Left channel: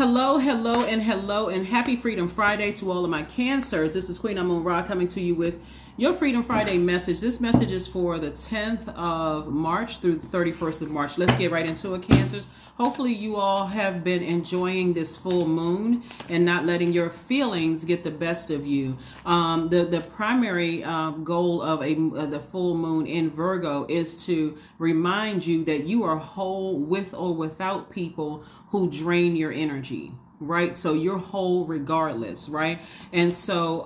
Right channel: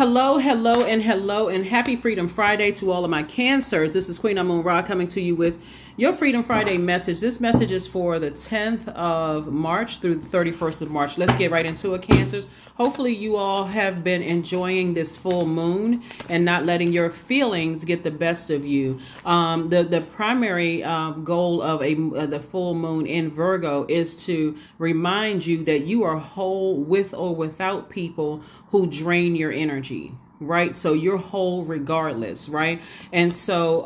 Hello, hello, and happy Freedom Friday to all of my Cancers. This is Queen Amun Ra coming to you with your Freedom Friday message. This message is for the 10th of March through the 31st of March. Let's get right into it, Cancers. Hopefully you all have been enjoying this full moon and not letting your feelings get the best of you. The primary goal of the full moon in Virgo is to remind you that you are whole with or without people who drain your energy, right? So you're whole regardless, right? And so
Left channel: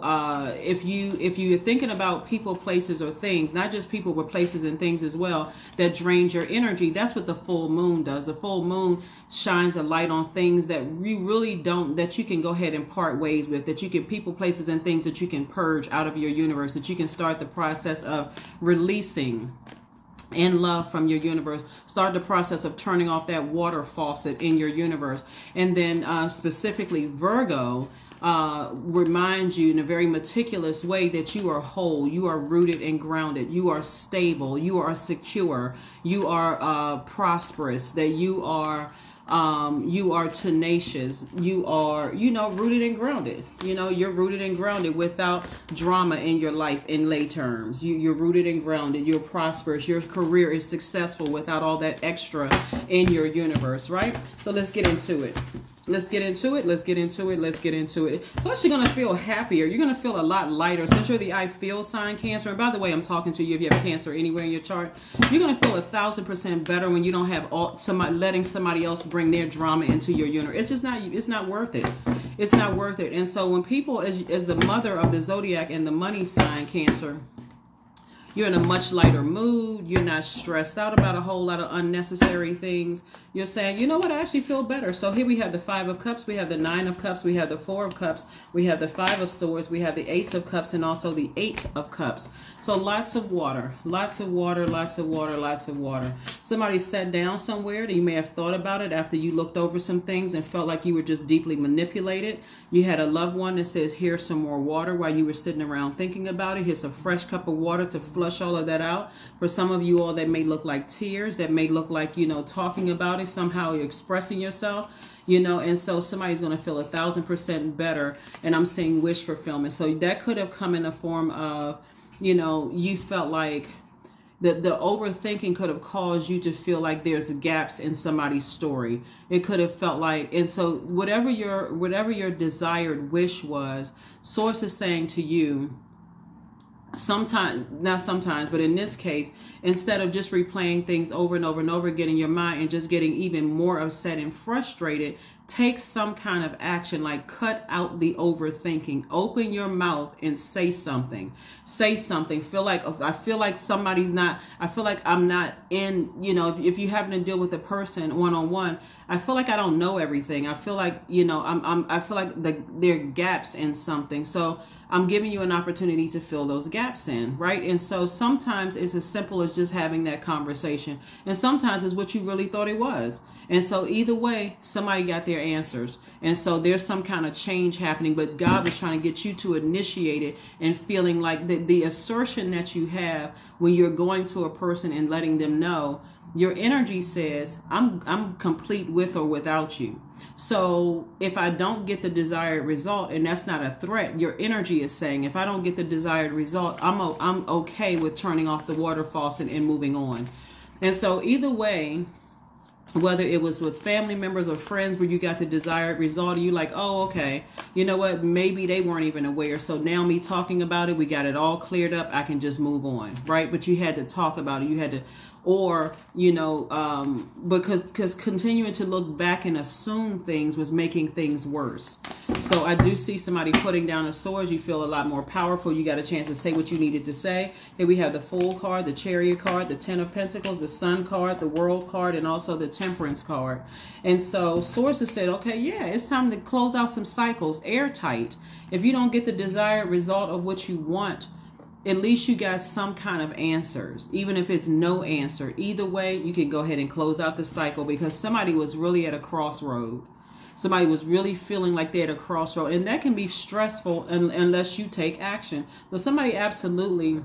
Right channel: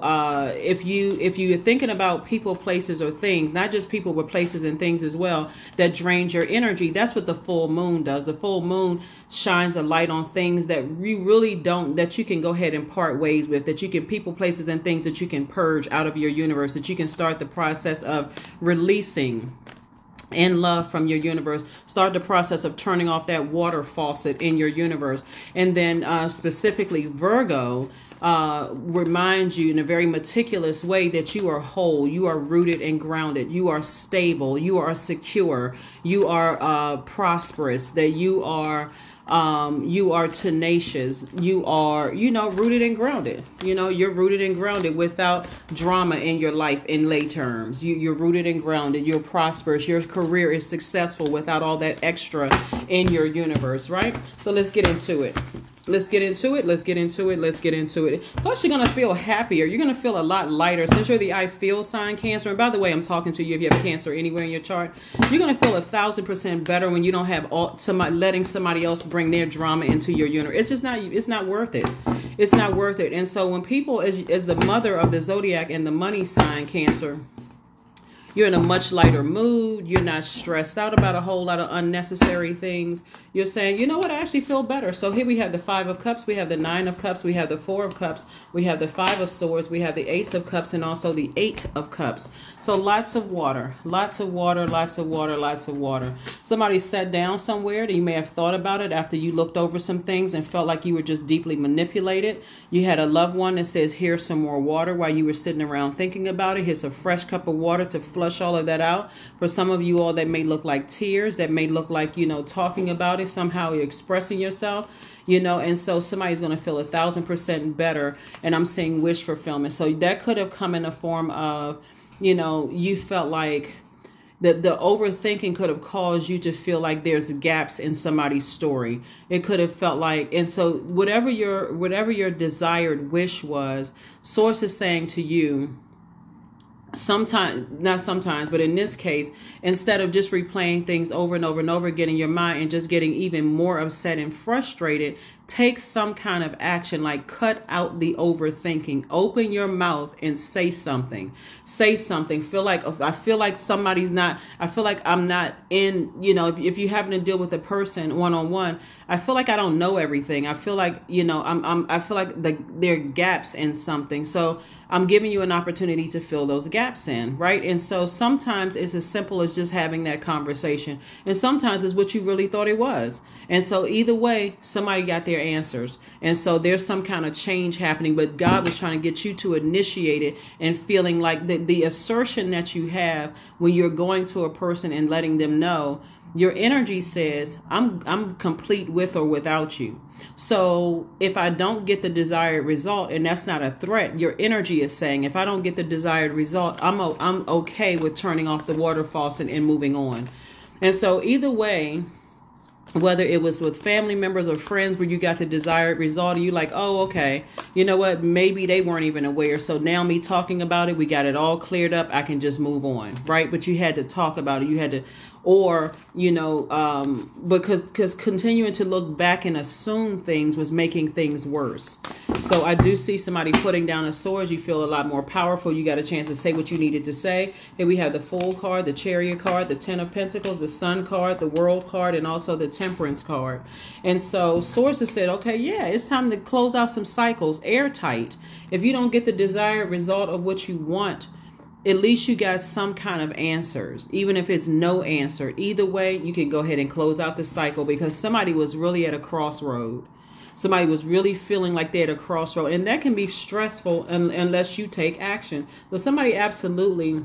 if you're thinking about people, places, or things, not just people, but places and things as well, that drains your energy, that's what the full moon does. The full moon shines a light on things that you really don't, that you can go ahead and part ways with, that you can, people, places, and things that you can purge out of your universe, that you can start the process of releasing and love from your universe. Start the process of turning off that water faucet in your universe. And then specifically Virgo reminds you in a very meticulous way that you are whole, you are rooted and grounded, you are stable, you are secure, you are prosperous, that you are tenacious, you are, rooted and grounded. You're rooted and grounded without drama in your life in lay terms. You're rooted and grounded, you're prosperous, your career is successful without all that extra in your universe, right? So let's get into it. Let's get into it. Plus, you're going to feel happier. You're going to feel a lot lighter. Since you're the I feel sign, Cancer. And by the way, I'm talking to you if you have Cancer anywhere in your chart. You're going to feel 1,000% better when you don't have letting somebody else bring their drama into your universe. It's just not, it's not worth it. It's not worth it. And so when people, as the mother of the Zodiac and the money sign, Cancer, you're in a much lighter mood. You're not stressed out about a whole lot of unnecessary things. You're saying, you know what, I actually feel better. So here we have the 5 of Cups, we have the 9 of Cups, we have the 4 of Cups, we have the 5 of Swords, we have the Ace of Cups, and also the 8 of Cups. So lots of water, lots of water, lots of water, lots of water. Somebody sat down somewhere that you may have thought about it after you looked over some things and felt like you were just deeply manipulated. You had a loved one that says, here's some more water while you were sitting around thinking about it. Here's a fresh cup of water to flush all of that out. For some of you all, that may look like tears, that may look like, talking about it. Somehow you're expressing yourself, and so somebody's going to feel 1,000% better. And I'm saying wish fulfillment. So that could have come in the form of, you felt like the overthinking could have caused you to feel like there's gaps in somebody's story. It could have felt like, and so whatever your desired wish was, Source is saying to you, sometimes, not sometimes, but in this case, instead of just replaying things over and over and over again in your mind and just getting even more upset and frustrated, take some kind of action, like cut out the overthinking. Open your mouth and say something. Say something. I feel like somebody's not, I feel like I'm not in, if you happen to deal with a person one-on-one, I feel like I don't know everything. I feel like, I feel like there are gaps in something. So I'm giving you an opportunity to fill those gaps in, right? And so sometimes it's as simple as just having that conversation. And sometimes it's what you really thought it was. And so either way, somebody got their answers. And so there's some kind of change happening, but God was trying to get you to initiate it and feeling like the assertion that you have when you're going to a person and letting them know, your energy says, I'm complete with or without you. So if I don't get the desired result, and that's not a threat, your energy is saying, if I don't get the desired result, I'm okay with turning off the water faucet and moving on. And so either way, whether it was with family members or friends where you got the desired result, and you're like, oh, okay, you know what, maybe they weren't even aware. So now me talking about it, we got it all cleared up, I can just move on, right? But you had to talk about it. You had to, or, because continuing to look back and assume things was making things worse. So I do see somebody putting down a sword. You feel a lot more powerful. You got a chance to say what you needed to say. Here we have the Fool card, the Chariot card, the 10 of Pentacles, the Sun card, the World card, and also the Temperance card. And so Sources said, okay, yeah, it's time to close out some cycles, airtight. If you don't get the desired result of what you want, at least you got some kind of answers, even if it's no answer. Either way, you can go ahead and close out the cycle, because somebody was really at a crossroad. Somebody was really feeling like they're at a crossroad, and that can be stressful unless you take action. So somebody absolutely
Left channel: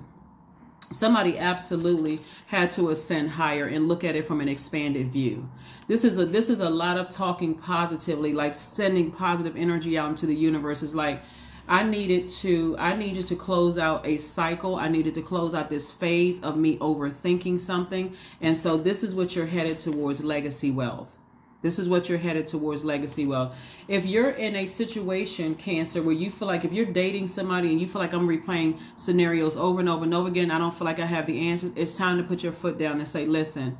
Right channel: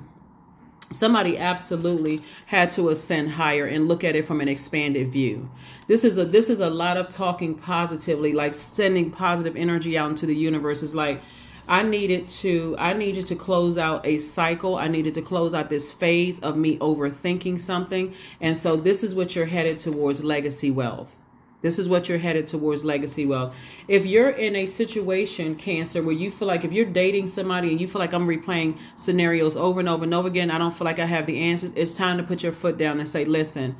Somebody absolutely had to ascend higher and look at it from an expanded view. This is a lot of talking positively, like sending positive energy out into the universe. Is like, I needed to close out a cycle. I needed to close out this phase of me overthinking something. And so this is what you're headed towards: legacy wealth. This is what you're headed towards: legacy wealth. If you're in a situation, Cancer, where you feel like, if you're dating somebody and you feel like, I'm replaying scenarios over and over and over again, I don't feel like I have the answers, it's time to put your foot down and say, listen,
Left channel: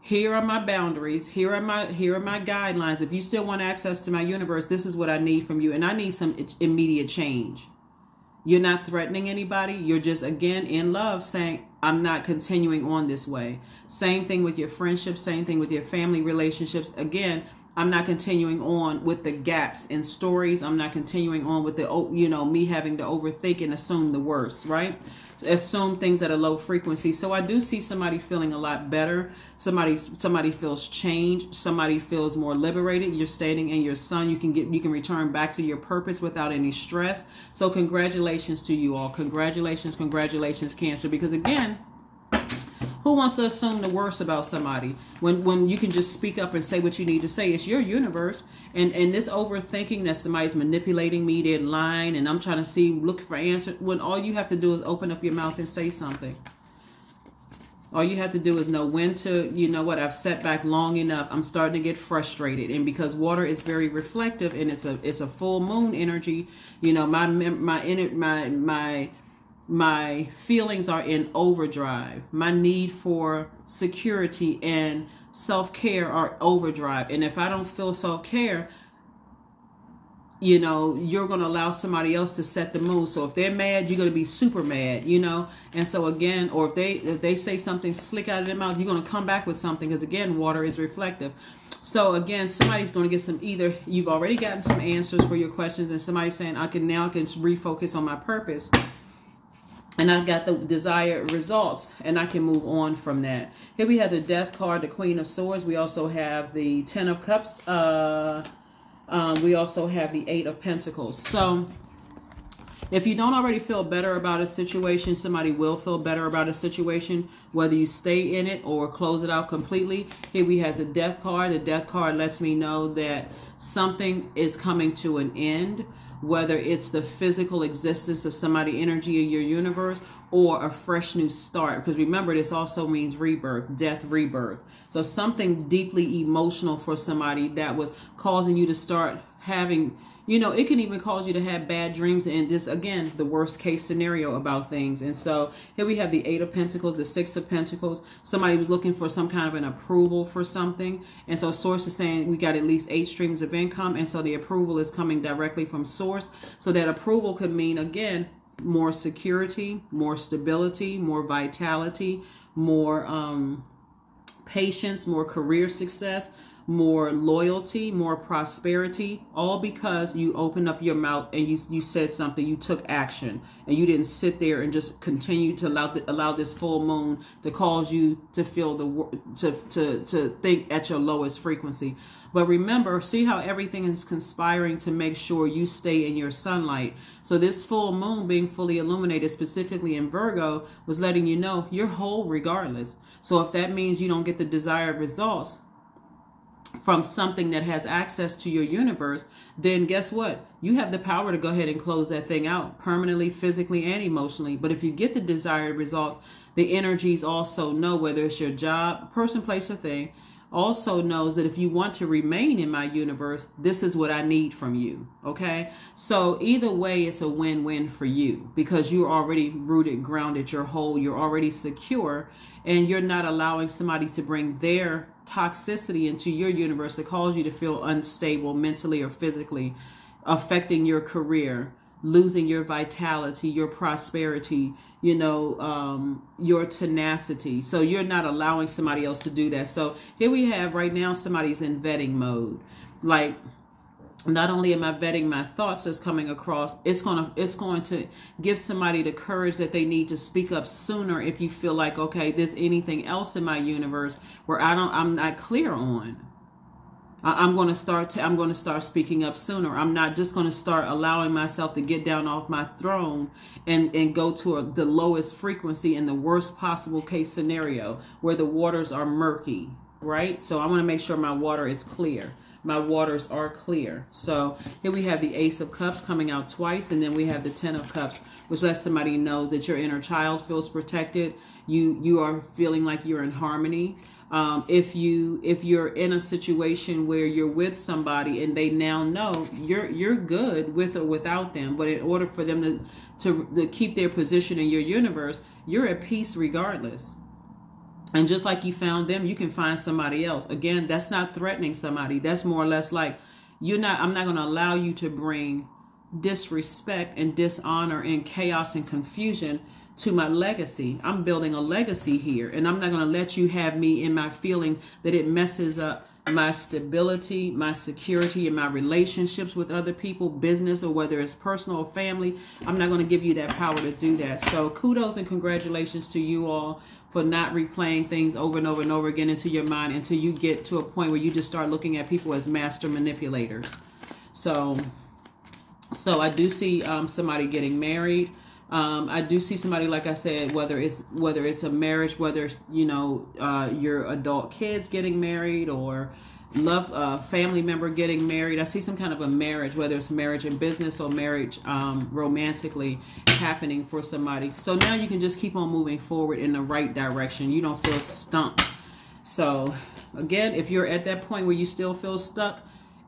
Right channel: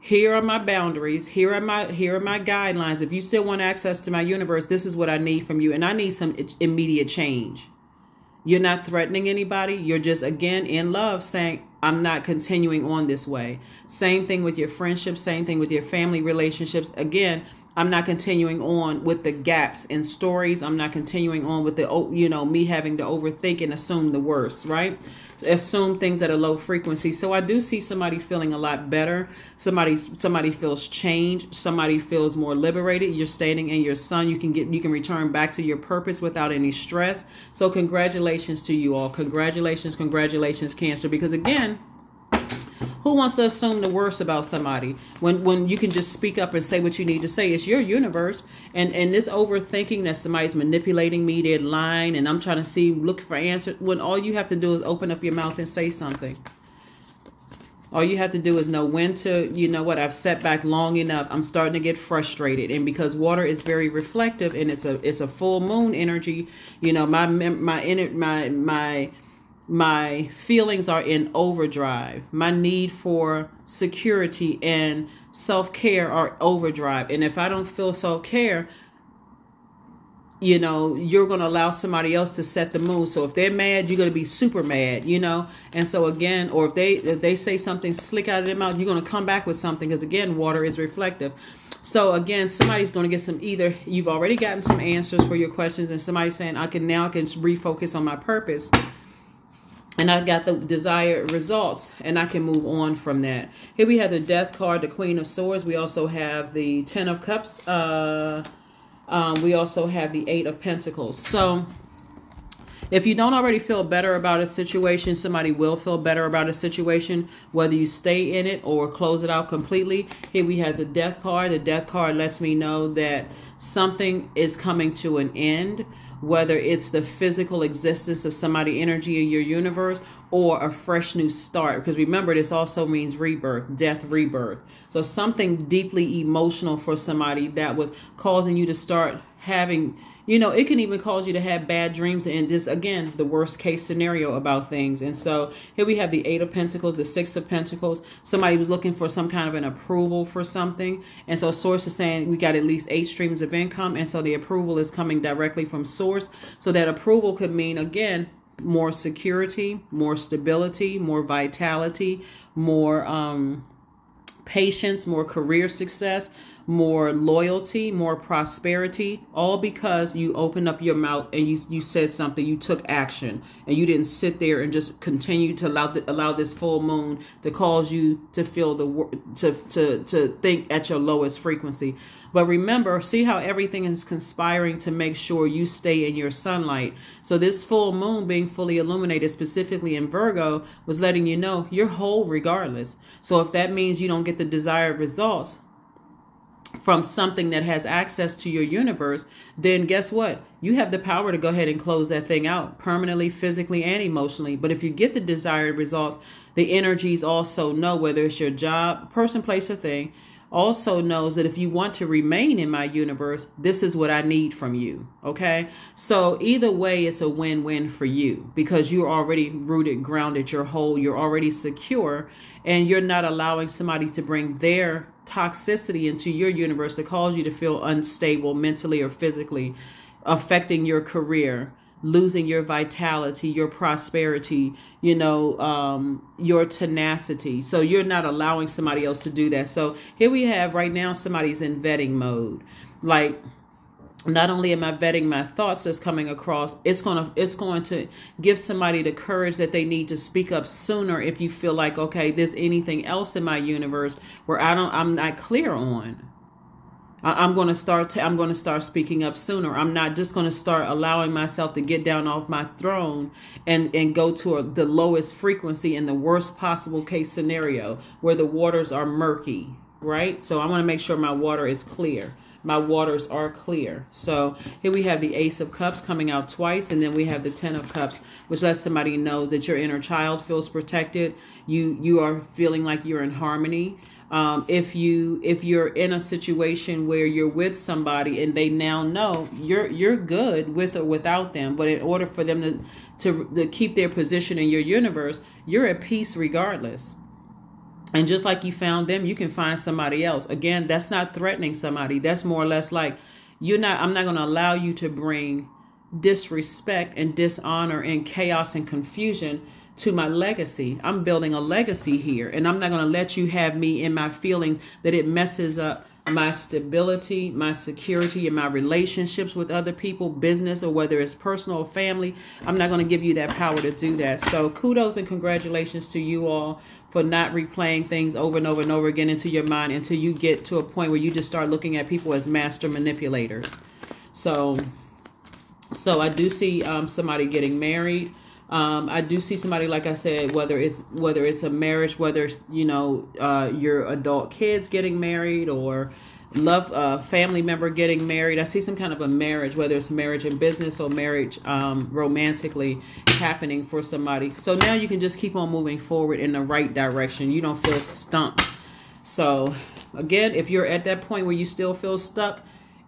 here are my boundaries. Here are my guidelines. If you still want access to my universe, this is what I need from you. And I need some immediate change. You're not threatening anybody. You're just, again, in love, saying, I'm not continuing on this way. Same thing with your friendships. Same thing with your family relationships. Again, I'm not continuing on with the gaps in stories. I'm not continuing on with the, me having to overthink and assume the worst, right? Assume things at a low frequency. So I do see somebody feeling a lot better. Somebody feels changed. Somebody feels more liberated. You're standing in your sun. You can return back to your purpose without any stress. So congratulations to you all. Congratulations, Cancer. Because again, who wants to assume the worst about somebody when you can just speak up and say what you need to say? It's your universe. And this overthinking that somebody's manipulating me, they're lying, and I'm trying to look for answers, when all you have to do is open up your mouth and say something. All you have to do is know when to, I've sat back long enough. I'm starting to get frustrated. And because water is very reflective and it's a full moon energy, my feelings are in overdrive. My need for security and self-care are overdrive. And if I don't feel self-care, you're going to allow somebody else to set the mood. So if they're mad, you're going to be super mad, And so again, or if they say something slick out of their mouth, you're going to come back with something, because again, water is reflective. So again, somebody's going to get either you've already gotten some answers for your questions, and somebody's saying, I can refocus on my purpose. And I got the desired results, and I can move on from that. Here we have the Death card, the Queen of Swords. We also have the Ten of Cups. We also have the Eight of Pentacles. So if you don't already feel better about a situation, somebody will feel better about a situation, whether you stay in it or close it out completely. Here we have the Death card. The Death card lets me know that something is coming to an end, whether it's the physical existence of somebody energy in your universe or a fresh new start. Because remember, this also means rebirth, death, rebirth. So something deeply emotional for somebody that was causing you to start having, it can even cause you to have bad dreams, and just, again, the worst case scenario about things. And so here we have the Eight of Pentacles, the Six of Pentacles. Somebody was looking for some kind of an approval for something. And so Source is saying we got at least 8 streams of income. And so the approval is coming directly from Source. So that approval could mean, again, more security, more stability, more vitality, more patience, more career success, more loyalty, more prosperity, all because you opened up your mouth and you said something, you took action, and you didn't sit there and just continue to allow this full moon to cause you to feel to think at your lowest frequency. But remember, see how everything is conspiring to make sure you stay in your sunlight. So this full moon being fully illuminated, specifically in Virgo, was letting you know you're whole regardless. So if that means you don't get the desired results from something that has access to your universe, then guess what? You have the power to go ahead and close that thing out permanently, physically, and emotionally. But if you get the desired results, the energies also know, whether it's your job, person, place, or thing, also knows that if you want to remain in my universe, this is what I need from you. Okay. So either way, it's a win-win for you, because you're already rooted, grounded, you're whole, you're already secure, and you're not allowing somebody to bring their toxicity into your universe to cause you to feel unstable mentally or physically, affecting your career, losing your vitality, your prosperity, your tenacity. So you're not allowing somebody else to do that. So here we have right now, somebody's in vetting mode. Like, not only am I vetting my thoughts that's coming across, it's going to give somebody the courage that they need to speak up sooner if you feel like, okay, there's anything else in my universe where I'm not clear on. I'm going to start speaking up sooner. I'm not just going to start allowing myself to get down off my throne and go to the lowest frequency in the worst possible case scenario where the waters are murky, right? So I want to make sure my water is clear. My waters are clear. So here we have the Ace of Cups coming out twice, and then we have the Ten of Cups, which lets somebody know that your inner child feels protected. You are feeling like you're in harmony. If you're in a situation where you're with somebody and they now know you're good with or without them, but in order for them to keep their position in your universe, you're at peace regardless. And just like you found them, you can find somebody else. Again, that's not threatening somebody. That's more or less like I'm not going to allow you to bring disrespect and dishonor and chaos and confusion to my legacy. I'm building a legacy here, and I'm not going to let you have me in my feelings that it messes up my stability, my security, and my relationships with other people, business, or whether it's personal or family. I'm not going to give you that power to do that. So kudos and congratulations to you all for not replaying things over and over and over again into your mind until you get to a point where you just start looking at people as master manipulators. So I do see somebody getting married. I do see somebody, like I said, whether it's a marriage, whether your adult kids getting married or family member getting married. I see some kind of a marriage, whether it's marriage in business or marriage romantically happening for somebody. So now you can just keep on moving forward in the right direction. You don't feel stuck. So again, if you're at that point where you still feel stuck,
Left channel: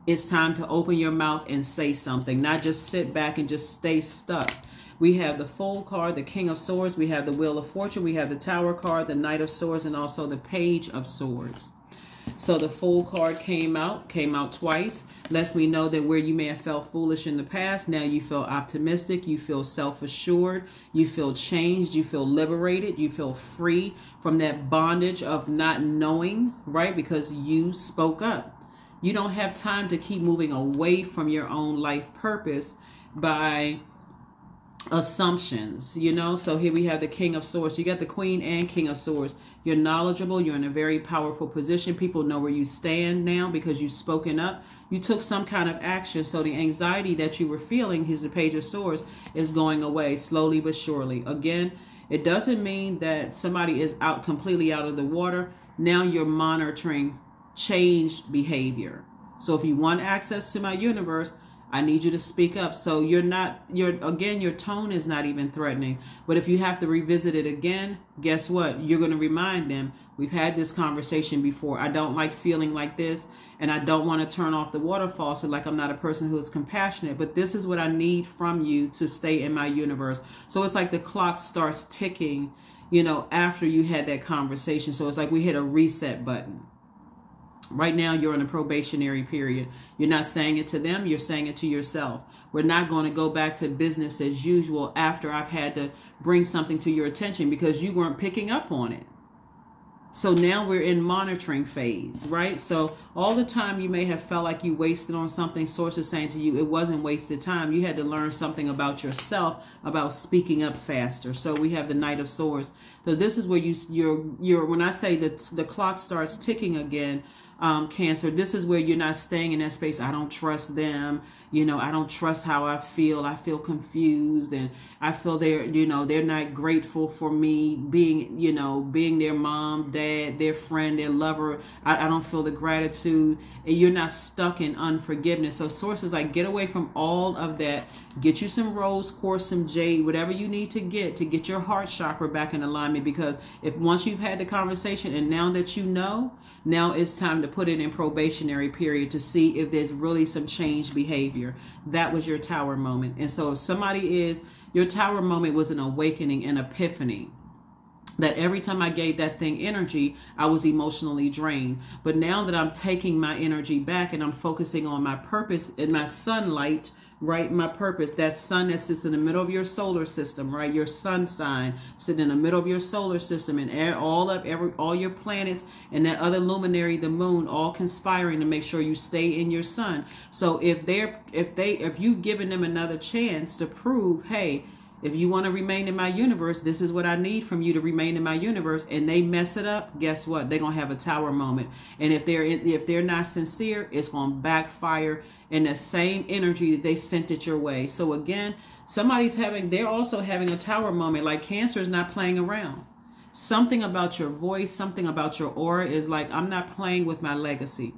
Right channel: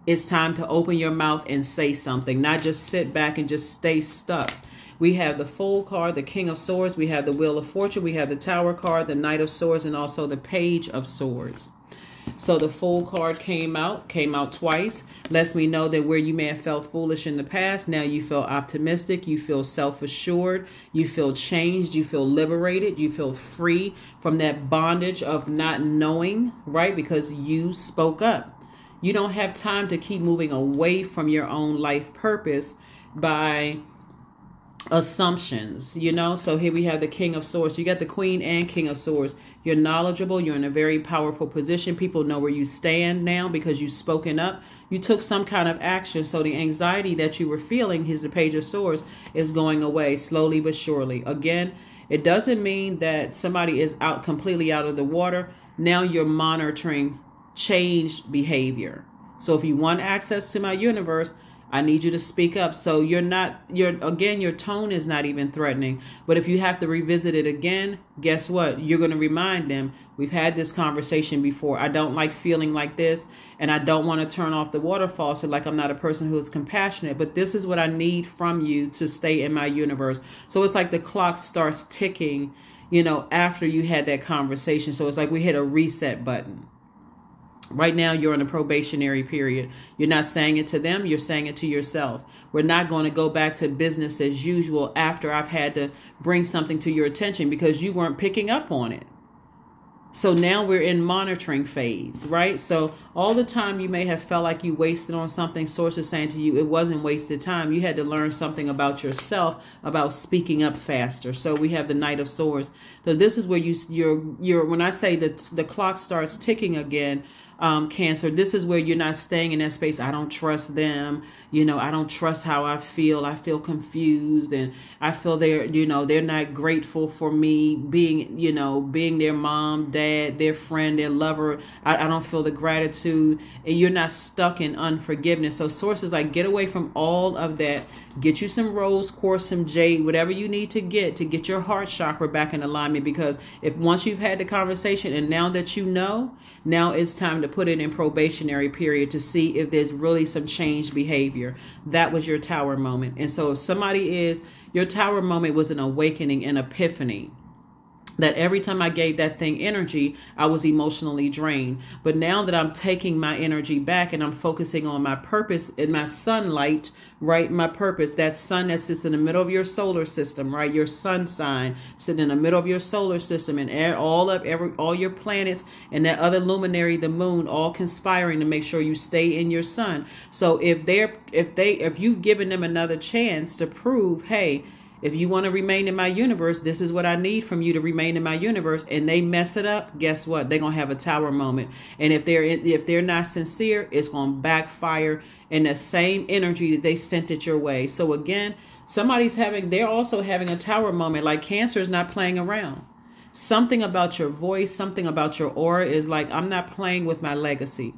it's time to open your mouth and say something, not just sit back and just stay stuck. We have the Fool card, the King of Swords. We have the Wheel of Fortune. We have the Tower card, the Knight of Swords, and also the Page of Swords. So the Fool card came out twice. Lets me know that where you may have felt foolish in the past, now you feel optimistic, you feel self-assured, you feel changed, you feel liberated, you feel free from that bondage of not knowing, right? Because you spoke up. You don't have time to keep moving away from your own life purpose by assumptions, So here we have the King of Swords. You got the Queen and King of Swords. You're knowledgeable. You're in a very powerful position. People know where you stand now because you've spoken up. You took some kind of action. So the anxiety that you were feeling, here's the Page of Swords, is going away slowly but surely. Again, it doesn't mean that somebody is completely out of the water. Now you're monitoring changed behavior. So if you want access to my universe, I need you to speak up. So your tone is not even threatening. But if you have to revisit it again, guess what? You're going to remind them, we've had this conversation before. I don't like feeling like this, and I don't want to turn off the water faucet like I'm not a person who is compassionate. But this is what I need from you to stay in my universe. So it's like the clock starts ticking, after you had that conversation. So it's like we hit a reset button. Right now, you're in a probationary period. You're not saying it to them. You're saying it to yourself. We're not going to go back to business as usual after I've had to bring something to your attention because you weren't picking up on it. So now we're in monitoring phase, right? So all the time you may have felt like you wasted on something, Source is saying to you, it wasn't wasted time. You had to learn something about yourself, about speaking up faster. So we have the Knight of Swords. So this is where you're when I say that the clock starts ticking again, Cancer, this is where you're not staying in that space. I don't trust them. I don't trust how I feel. I feel confused, and I feel they're not grateful for me being their mom, dad, their friend, their lover. I don't feel the gratitude, and you're not stuck in unforgiveness. So Source is like, get away from all of that. Get you some rose quartz, some jade, whatever you need to get your heart chakra back in alignment. Because once you've had the conversation and now that now it's time to put it in probationary period to see if there's really some changed behavior. That was your Tower moment. And so if your Tower moment was an awakening, an epiphany, that every time I gave that thing energy, I was emotionally drained. But now that I'm taking my energy back and I'm focusing on my purpose and my sunlight, right? My purpose, that sun that sits in the middle of your solar system, right? Your sun sign sitting in the middle of your solar system, and all your planets and that other luminary, the moon, all conspiring to make sure you stay in your sun. So if you've given them another chance to prove, hey, If you want to remain in my universe, this is what I need from you to remain in my universe. And they mess it up. Guess what? They're going to have a tower moment. And if they're not sincere, it's going to backfire in the same energy that they sent it your way. So again, they're also having a tower moment. Like Cancer is not playing around. Something about your voice, something about your aura is like, I'm not playing with my legacy.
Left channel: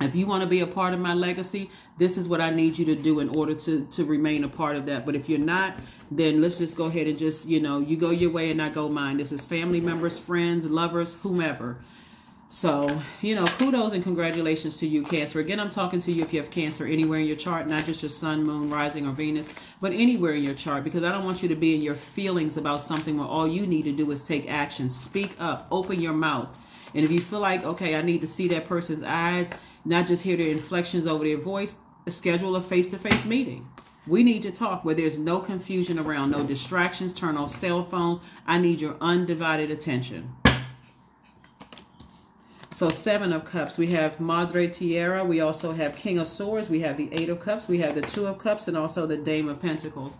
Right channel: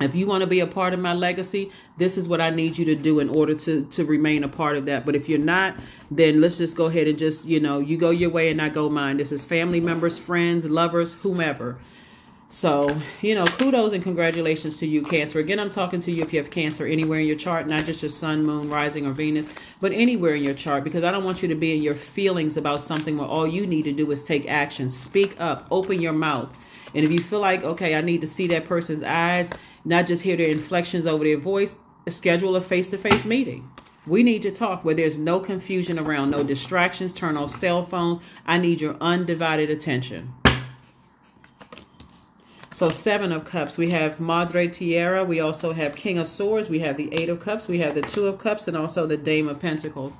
If you want to be a part of my legacy, this is what I need you to do in order to remain a part of that. But if you're not, then let's just go ahead and just, you go your way and I go mine. This is family members, friends, lovers, whomever. So, kudos and congratulations to you, Cancer. Again, I'm talking to you if you have Cancer anywhere in your chart, not just your sun, moon, rising, or Venus, but anywhere in your chart, because I don't want you to be in your feelings about something where all you need to do is take action. Speak up, open your mouth. And if you feel like, okay, I need to see that person's eyes, not just hear their inflections over their voice, schedule a face-to-face meeting. We need to talk where there's no confusion around, no distractions, turn off cell phones. I need your undivided attention. So 7 of Cups, we have Madre Tierra. We also have King of Swords. We have the 8 of Cups. We have the 2 of Cups and also the Dame of Pentacles.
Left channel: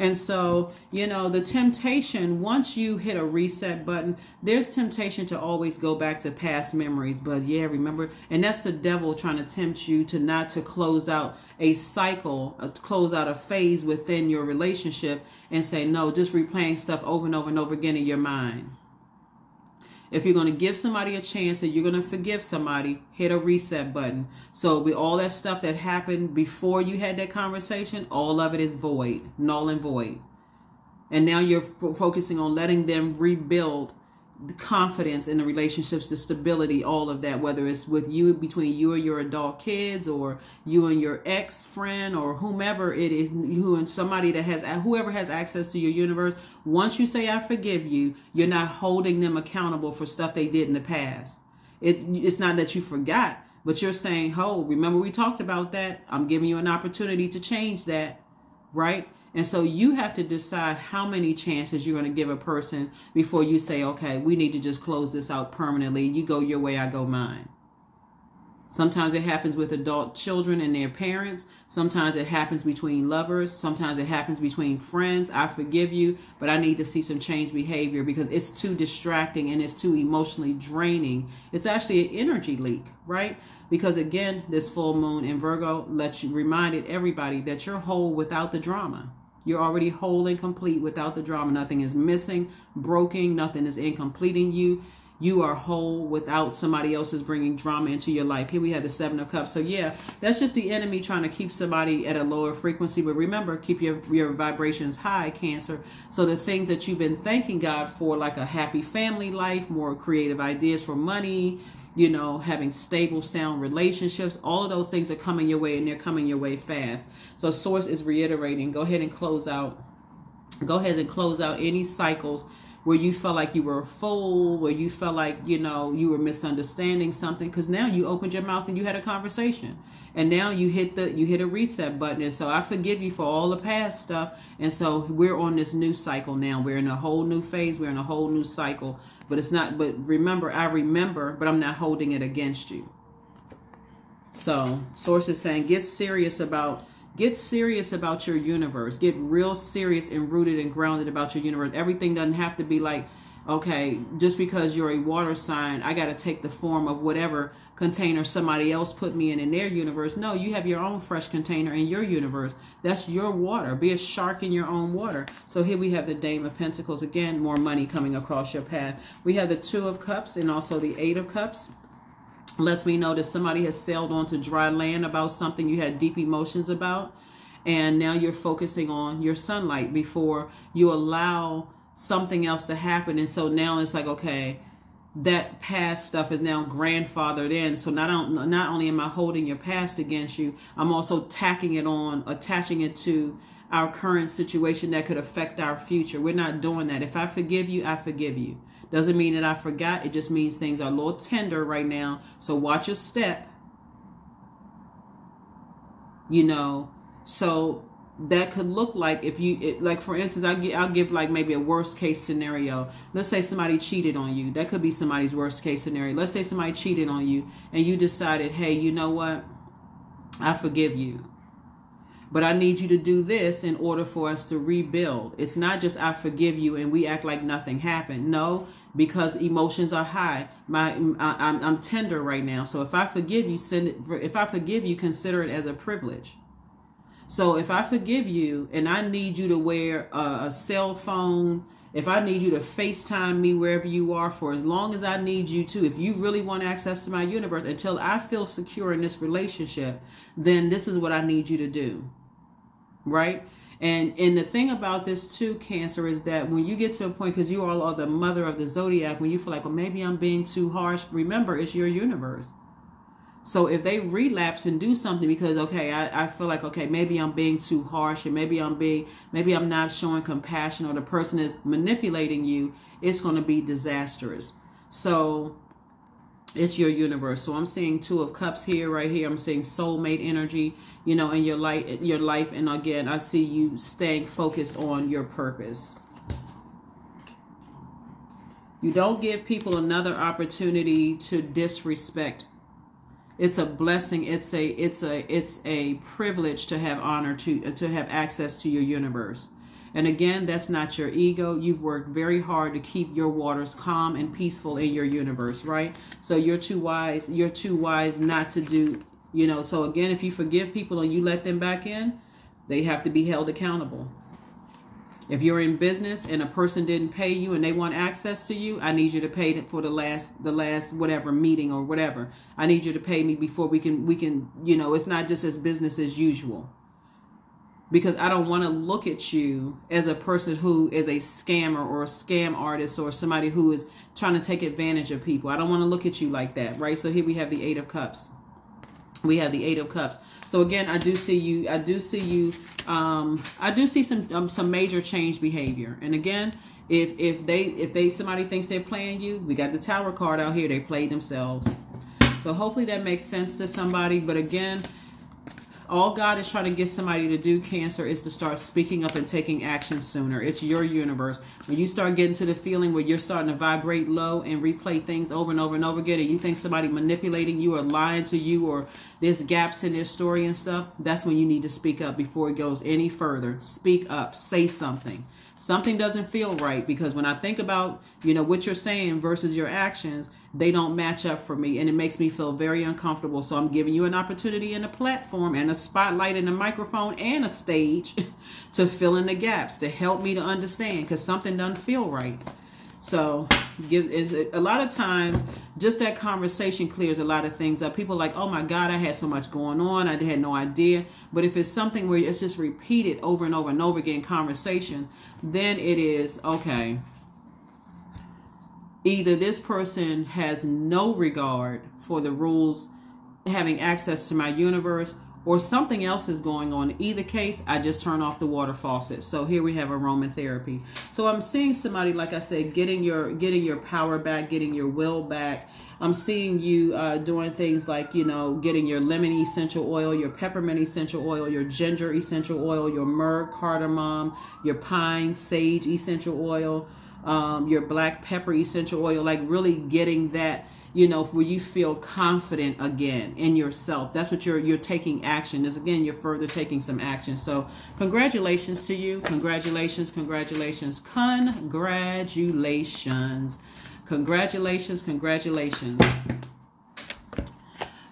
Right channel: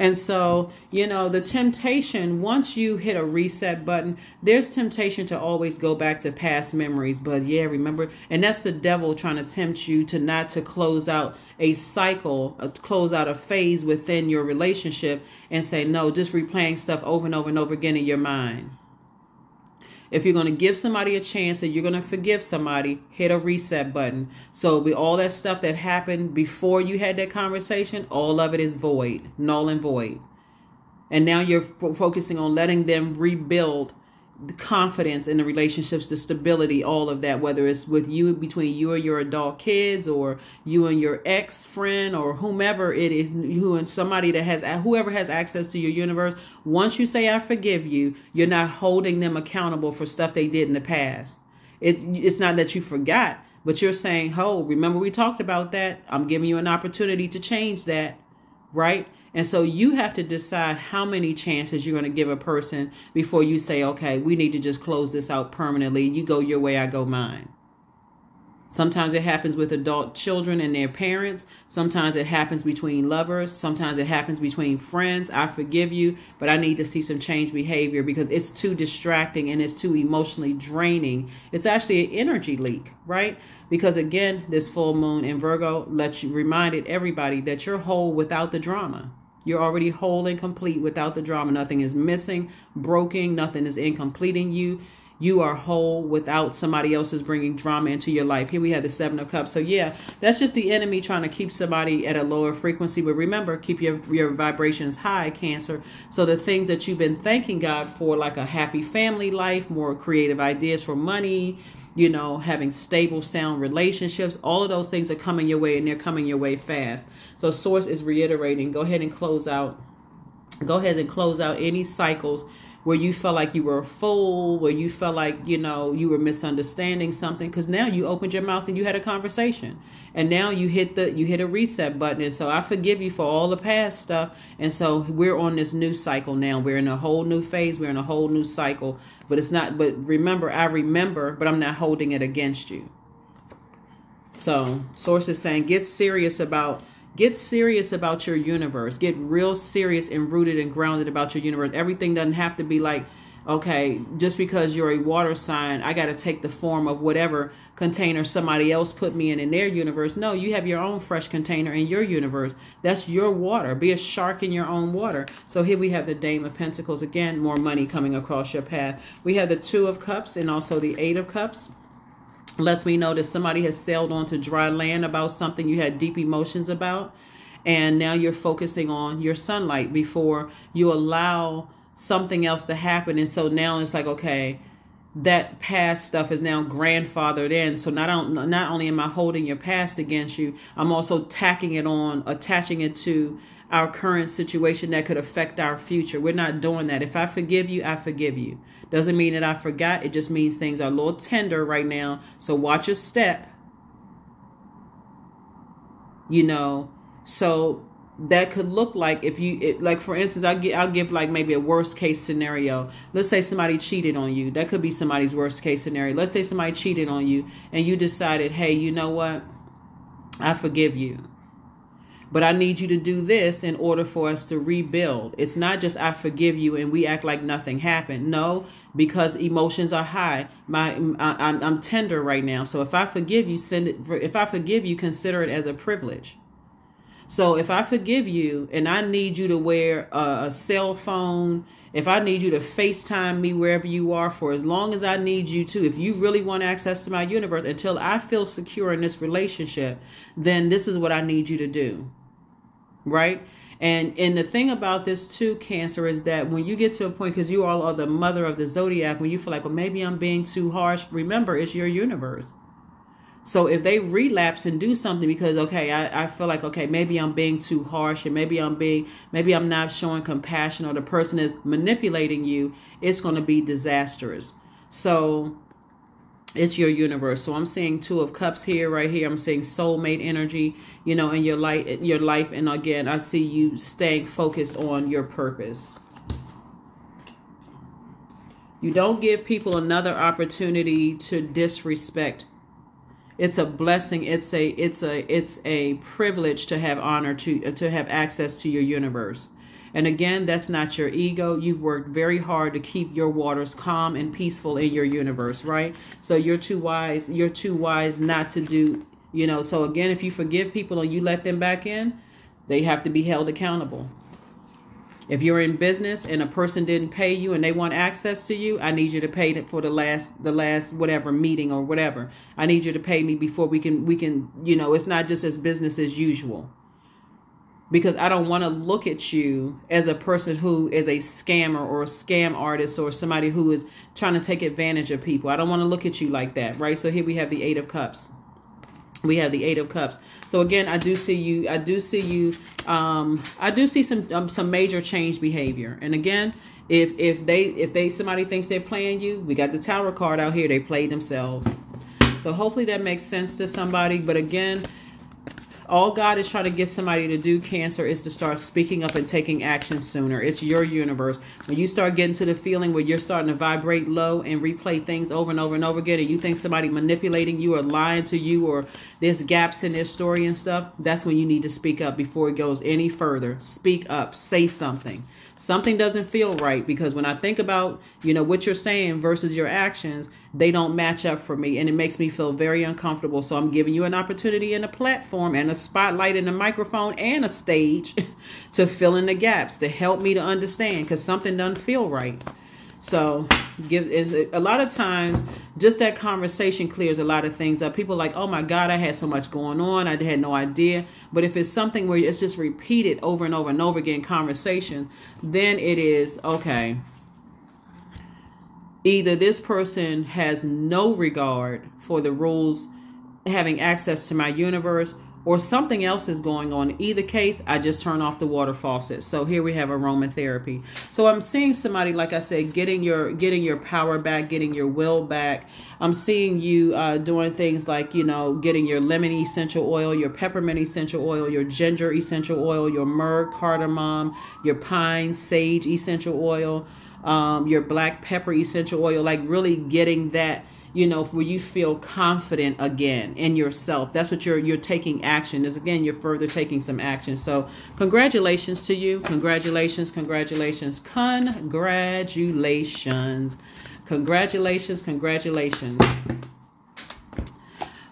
And so, the temptation, once you hit a reset button, there's temptation to always go back to past memories. But yeah, remember, and that's the devil trying to tempt you to not to close out a cycle, close out a phase within your relationship and say, no, just replaying stuff over and over and over again in your mind. If you're going to give somebody a chance and you're going to forgive somebody, hit a reset button. So with all that stuff that happened before you had that conversation, all of it is void, null and void. And now you're focusing on letting them rebuild the confidence in the relationships, the stability, all of that, whether it's with you, between you and your adult kids, or you and your ex-friend, or whomever it is, you and somebody that has, whoever has access to your universe. Once you say, I forgive you, you're not holding them accountable for stuff they did in the past. It's not that you forgot, but you're saying, oh, remember we talked about that. I'm giving you an opportunity to change that, right? And so you have to decide how many chances you're going to give a person before you say, okay, we need to just close this out permanently. You go your way, I go mine. Sometimes it happens with adult children and their parents. Sometimes it happens between lovers. Sometimes it happens between friends. I forgive you, but I need to see some change behavior because it's too distracting and it's too emotionally draining. It's actually an energy leak, right? Because again, this full moon in Virgo reminded everybody that you're whole without the drama. You're already whole and complete without the drama. Nothing is missing, broken. Nothing is incomplete in you. You are whole without somebody else's bringing drama into your life. Here we have the 7 of Cups. So yeah, that's just the enemy trying to keep somebody at a lower frequency. But remember, keep your vibrations high, Cancer. So the things that you've been thanking God for, like a happy family life, more creative ideas for money, having stable, sound relationships, all of those things are coming your way, and they're coming your way fast. So Source is reiterating, go ahead and close out any cycles where you felt like you were a fool, where you felt like, you were misunderstanding something, because now you opened your mouth and you had a conversation. And now you hit a reset button. And so I forgive you for all the past stuff. And so we're on this new cycle now. We're in a whole new phase. We're in a whole new cycle. But remember, I remember, but I'm not holding it against you. So Source is saying, get serious about your universe. Get real serious and rooted and grounded about your universe. Everything doesn't have to be like, okay, just because you're a water sign, I got to take the form of whatever container somebody else put me in their universe. No, you have your own fresh container in your universe. That's your water. Be a shark in your own water. So here we have the Dame of Pentacles. Again, more money coming across your path. We have the 2 of Cups and also the 8 of Cups. Lets me know that somebody has sailed onto dry land about something you had deep emotions about. And now you're focusing on your sunlight before you allow something else to happen. And so now it's like, okay, that past stuff is now grandfathered in. So not only am I holding your past against you, I'm also attaching it to our current situation that could affect our future. We're not doing that. If I forgive you, I forgive you. Doesn't mean that I forgot. It just means things are a little tender right now. So watch your step. So that could look like like for instance, I'll give like maybe a worst case scenario. Let's say somebody cheated on you. That could be somebody's worst case scenario. Let's say somebody cheated on you and you decided, hey, you know what? I forgive you. But I need you to do this in order for us to rebuild. It's not just I forgive you and we act like nothing happened. No, because emotions are high. I'm tender right now. So if I forgive you, consider it as a privilege. So if I forgive you and I need you to wear a cell phone, if I need you to FaceTime me wherever you are for as long as I need you to, if you really want access to my universe, until I feel secure in this relationship, then this is what I need you to do. Right? And the thing about this too, Cancer, is that when you get to a point, because you all are the mother of the Zodiac, when you feel like, well, maybe I'm being too harsh, remember, it's your universe. So if they relapse and do something because, okay, I feel like, okay, maybe I'm being too harsh, and maybe I'm not showing compassion, or the person is manipulating you, it's going to be disastrous. So it's your universe. So I'm seeing 2 of Cups here, right here. I'm seeing soulmate energy, in your life. And again, I see you staying focused on your purpose. You don't give people another opportunity to disrespect. It's a blessing. It's a privilege to have honor, to have access to your universe. And again, that's not your ego. You've worked very hard to keep your waters calm and peaceful in your universe, right? So you're too wise not to do, so again, if you forgive people and you let them back in, they have to be held accountable. If you're in business and a person didn't pay you and they want access to you, I need you to pay for the last whatever meeting or whatever. I need you to pay me before we can, it's not just as business as usual. Because I don't want to look at you as a person who is a scammer or a scam artist or somebody who is trying to take advantage of people. I don't want to look at you like that, right? So here we have the 8 of Cups. We have the 8 of Cups. So again, I do see some major change behavior. And again, if somebody thinks they're playing you, we got the Tower card out here. They played themselves. So hopefully that makes sense to somebody. But again, all God is trying to get somebody to do, Cancer, is to start speaking up and taking action sooner. It's your universe. When you start getting to the feeling where you're starting to vibrate low and replay things over and over and over again, and you think somebody manipulating you or lying to you, or there's gaps in their story and stuff, that's when you need to speak up before it goes any further. Speak up. Say something. Something doesn't feel right, because when I think about, what you're saying versus your actions, they don't match up for me, and it makes me feel very uncomfortable. So I'm giving you an opportunity and a platform and a spotlight and a microphone and a stage to fill in the gaps, to help me to understand, because something doesn't feel right. So a lot of times, just that conversation clears a lot of things up. People are like, oh my God, I had so much going on, I had no idea. But if it's something where it's just repeated over and over and over again, conversation, then it is, okay, either this person has no regard for the rules, having access to my universe, or something else is going on. In either case, I just turn off the water faucet. So here we have aromatherapy. So I'm seeing somebody, like I said, getting your power back, getting your will back. I'm seeing you doing things like, getting your lemon essential oil, your peppermint essential oil, your ginger essential oil, your myrrh, cardamom, your pine, sage essential oil, your black pepper essential oil, like really getting that, where you feel confident again in yourself. That's what you're taking action. Is again, you're further taking some action. So congratulations to you. Congratulations, congratulations, congratulations, congratulations, congratulations.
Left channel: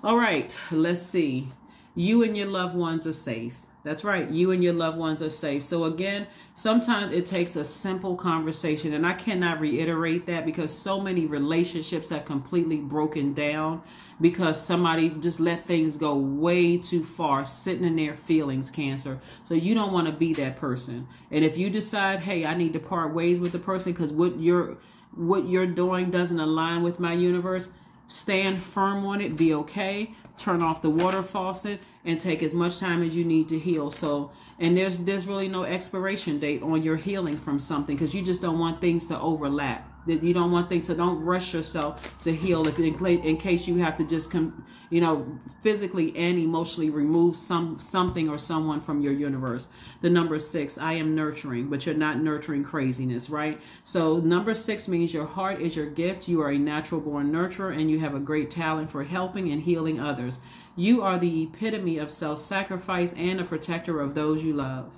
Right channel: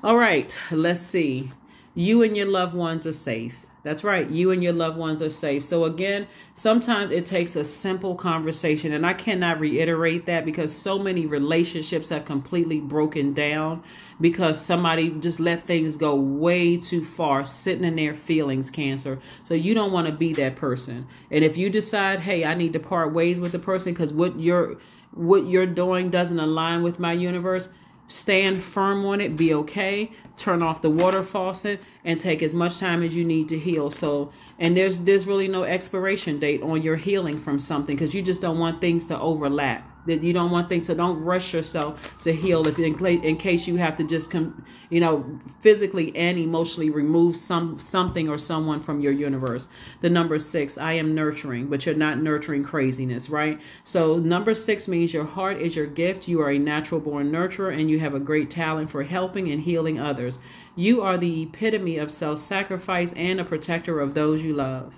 All right, let's see. You and your loved ones are safe. That's right. You and your loved ones are safe. So again, sometimes it takes a simple conversation, and I cannot reiterate that, because so many relationships have completely broken down because somebody just let things go way too far, sitting in their feelings, Cancer. So you don't want to be that person. And if you decide, hey, I need to part ways with the person because what you're doing doesn't align with my universe, stand firm on it, be okay, turn off the water faucet, and take as much time as you need to heal. So, and there's really no expiration date on your healing from something, because you just don't want things to overlap. That you don't want things, so don't rush yourself to heal if in case you have to just physically and emotionally remove something or someone from your universe. The number 6, I am nurturing, but you're not nurturing craziness, right? So number 6 means your heart is your gift. You are a natural born nurturer, and you have a great talent for helping and healing others. You are the epitome of self-sacrifice and a protector of those you love.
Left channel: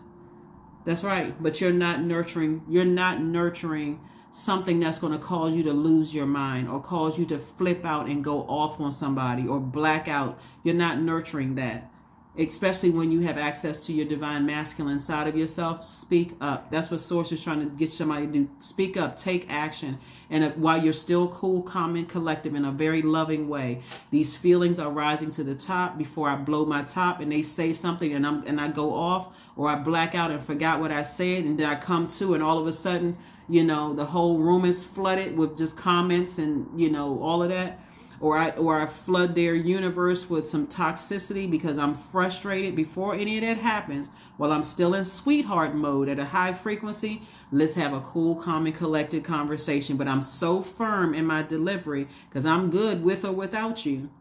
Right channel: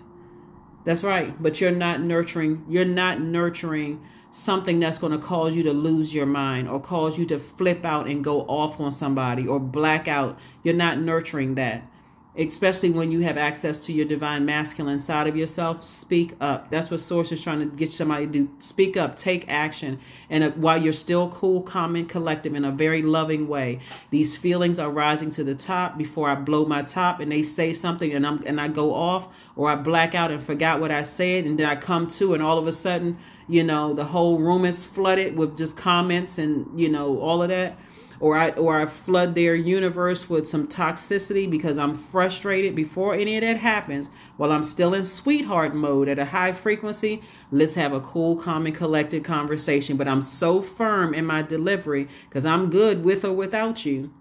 That's right. But you're not nurturing something that's going to cause you to lose your mind or cause you to flip out and go off on somebody or black out. You're not nurturing that. Especially when you have access to your divine masculine side of yourself. Speak up. That's what Source is trying to get somebody to do. Speak up. Take action. And while you're still cool, calm, and collective in a very loving way, these feelings are rising to the top before I blow my top and they say something and I go off, or I black out and forgot what I said, and then I come to and all of a sudden, you know, the whole room is flooded with just comments and, you know, all of that. Or I flood their universe with some toxicity because I'm frustrated. Before any of that happens, while I'm still in sweetheart mode at a high frequency, let's have a cool, calm, and collected conversation. But I'm so firm in my delivery because I'm good with or without you.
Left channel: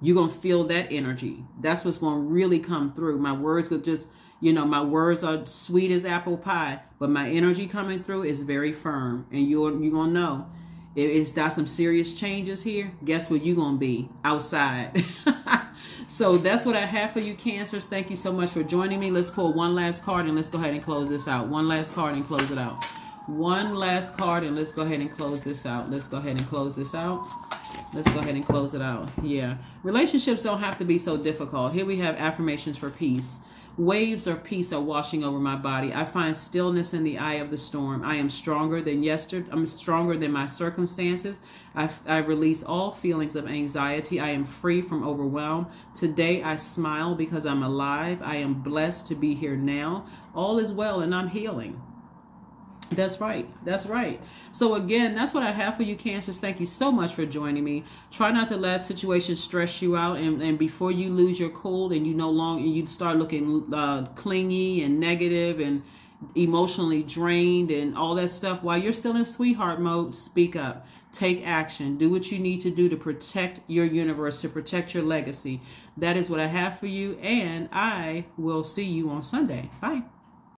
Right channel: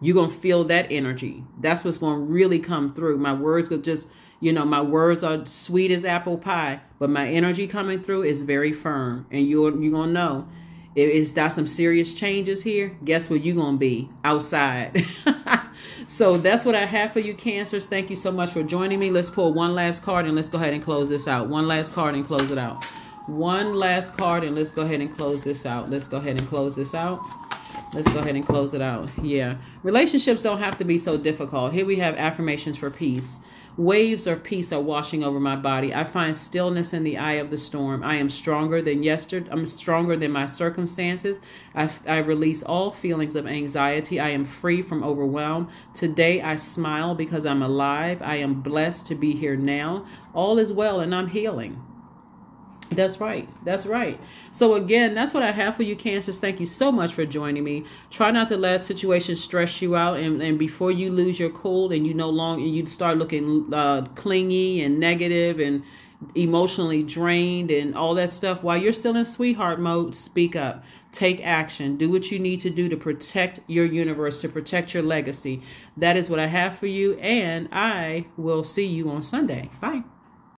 You're going to feel that energy. That's what's going to really come through. My words could just, you know, my words are sweet as apple pie, but my energy coming through is very firm. And you're going to know. It's got some serious changes here. Guess where you're going to be? Outside. So that's what I have for you, Cancers. Thank you so much for joining me. Let's pull one last card and let's go ahead and close this out. One last card and close it out. One last card and let's go ahead and close this out. Let's go ahead and close this out. Let's go ahead and close it out. Yeah. Relationships don't have to be so difficult. Here we have affirmations for peace. Waves of peace are washing over my body. I find stillness in the eye of the storm. I am stronger than yesterday. I'm stronger than my circumstances. I release all feelings of anxiety. I am free from overwhelm. Today I smile because I'm alive. I am blessed to be here now. All is well and I'm healing. That's right. That's right. So again, that's what I have for you, Cancers. Thank you so much for joining me. Try not to let situations stress you out. And before you lose your cool and you start looking clingy and negative and emotionally drained and all that stuff, while you're still in sweetheart mode, speak up. Take action. Do what you need to do to protect your universe, to protect your legacy. That is what I have for you. And I will see you on Sunday. Bye.